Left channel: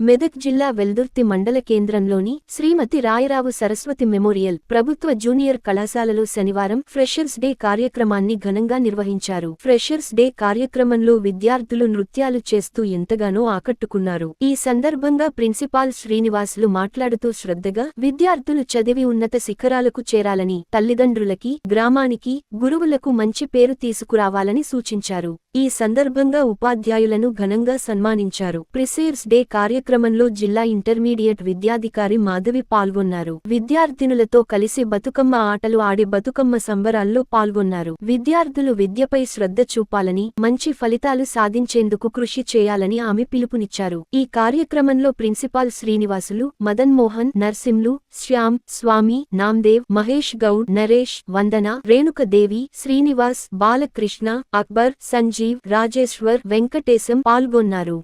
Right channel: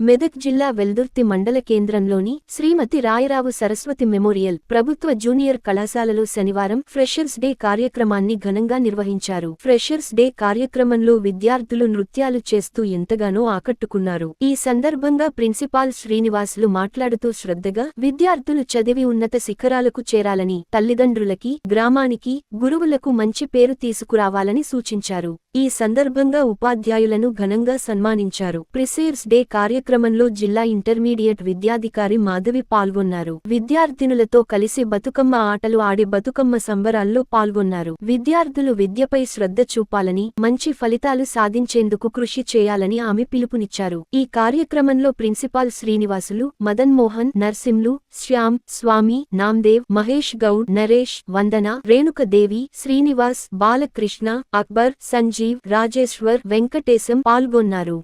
మెదక్ జిల్లా వెల్దుర్తి మండల కేంద్రంలోని శ్రీమతి రాయరావు సరస్వతి మెమోరియల్ ప్రభుత్వ జూనియర్ కళాశాలలో శనివారం ఫ్రెషర్స్ డే కార్యక్రమాన్ని ఘనంగా నిర్వహించారు. ఫ్రెషర్స్ డే కార్యక్రమంలో విద్యార్థులు నృత్యాలు చేస్తూ ఎంతగానో ఆకట్టుకున్నారు. ఈ సందర్భంగా ప్రిన్సిపాల్ శ్రీనివాసులు మాట్లాడుతూ శ్రద్ధగా విద్యార్థులు చదివి ఉన్నత శిఖరాలకు చేరాలని, తల్లిదండ్రులకి, గ్రామానికి, గురువులకు మంచి పేరు తీసుకురావాలని సూచించారు. ఈ సందర్భంగా ఉపాధ్యాయులను ఘనంగా సన్మానించారు. ఫ్రెషర్స్ డే కార్యక్రమంలో జిల్లా ఇంటర్మీడియట్ విద్యాధికారి మాధవి పాల్గొన్నారు. విద్యార్థినులతో కలిసి బతుకమ్మ ఆటలు ఆడి బతుకమ్మ సంబరాల్లో పాల్గొన్నారు. విద్యార్థులు విద్యపై శ్రద్ధ చూపాలని, మంచి ఫలితాలు సాధించేందుకు కృషి చేయాలని ఆమె పిలుపునిచ్చారు. ఈ కార్యక్రమంలో ప్రిన్సిపాల్ శ్రీనివాసులు, మదన్ మోహన్, నర్సింలు, శ్యామ్, స్వామి, నామ్దేవ్, మహేష్ గౌడ్, నరేష్, వందన, రేణుకదేవి, శ్రీనివాస్, బాలకృష్ణ, అక్బర్, సంజీవ్, రాజేశ్వర్, వెంకటేశం పాల్గొన్నారు.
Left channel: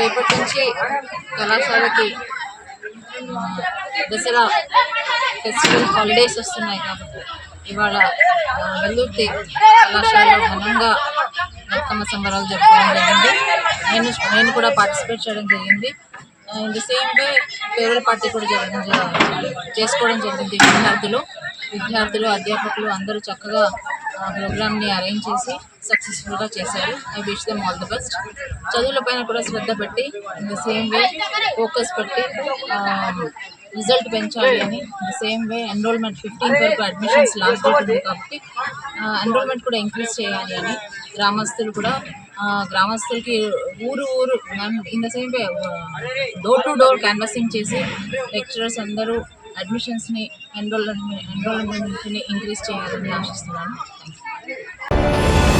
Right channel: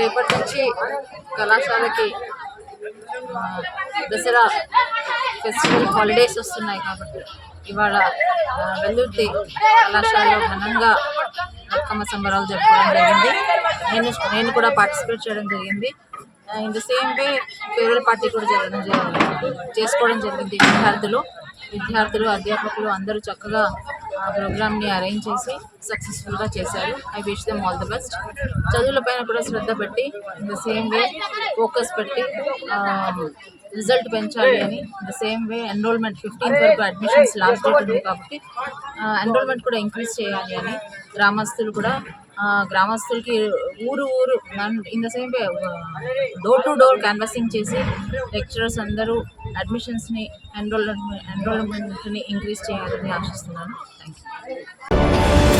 రేపటి నుంచి కళాశాలకి దసరా ఫెస్టివల్ హాలిడేస్ వస్తున్నాయి కాబట్టి ఇవాళ వెల్దుర్తి కళాశాలలో ఘనంగా బతుకమ్మ సంబరాలు జరుపుకోవడం జరిగింది. నేను కూడా పార్టిసిపేట్ చేయడం జరిగింది. In the same way farewell party కూడా చేసుకోవడం జరిగింది. విద్యార్థులు అధ్యాపకులు అందరూ చక్కగా ప్రోగ్రామ్ని అరేంజ్ చేసి సక్సెస్ఫుల్గా చేశారు. I wish them all the best. చదువులపైన కూడా శ్రద్ధ పెట్టి in the same way focus పెట్టి రిజల్ట్ పెంచాలి అని, the same way enrolment 15th వరకు అడ్మిషన్స్ లాస్ట్ డేట్ ఉంది కాబట్టి ఎన్రోల్మెంట్ కూడా ఇంక్రీజ్ చేయాలి అని గ్రామస్తులకి ఊరు in the same way door to door canvassing చేసి లెక్చరర్స్ అందరూ అడ్మిషన్స్ని ఎన్రోల్మెంట్ని ఇంక్రీజ్ చేయాలని ఆశిస్తున్నాను. Thank you.